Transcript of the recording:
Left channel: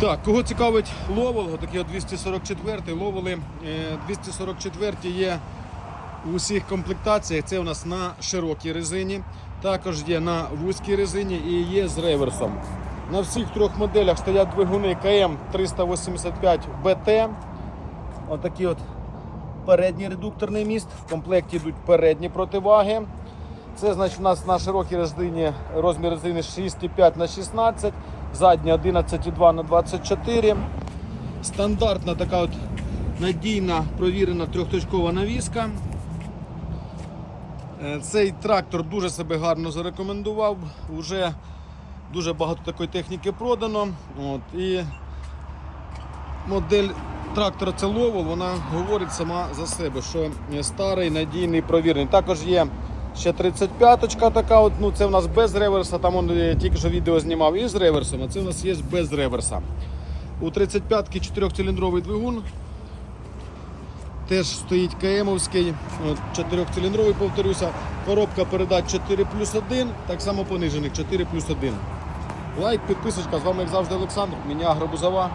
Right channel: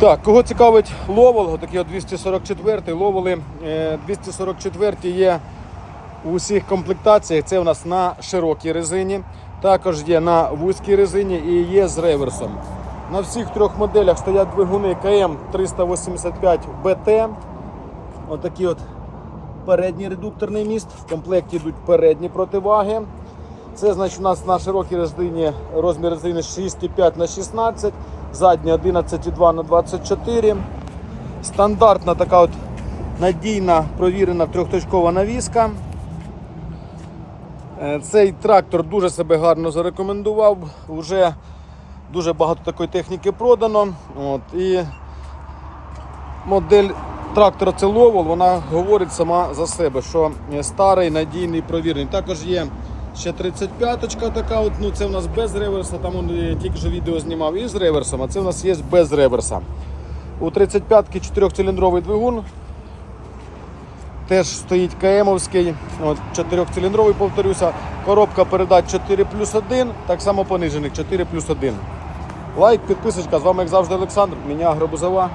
Так, кого цікавить ловол, отакий от 244 ловоли. Е, 244 є у усіх комплектаціях. Це у нас на широкій резині, також є на вузькій резині і є з реверсом. На всіх трьох моделях стоять двигуни КМ 385 БТ. Отакий от передній редукторний міст. В комплекті йдуть передні противаги. Це значить у нас на широкій резині розмір резини 6,5 на 16, задня 11,2 на 24. Стандартна така от надійна провірена трьохточкова навіска. Е, Цей трактор дуже себе гарно зарекомендував. Уже дуже багато такої техніки продано. От, і модель трактора це вона говорить сама за себе, що старий, надійний, провірений. Також є ще 35-ка така, от, ну це в нас без реверса, там он е, тільки що відео знімав із реверсом, а це в нас є без реверса. У 35-ки 4-циліндровий двигун. Теж стоїть КМовський, от, 4-циліндровий, повторюся. Коробка передач 4 плюс 1, так само понижених 4 плюс 1. Лайк, підписочка. З вами як завжди Олександр. Мене Агробузова.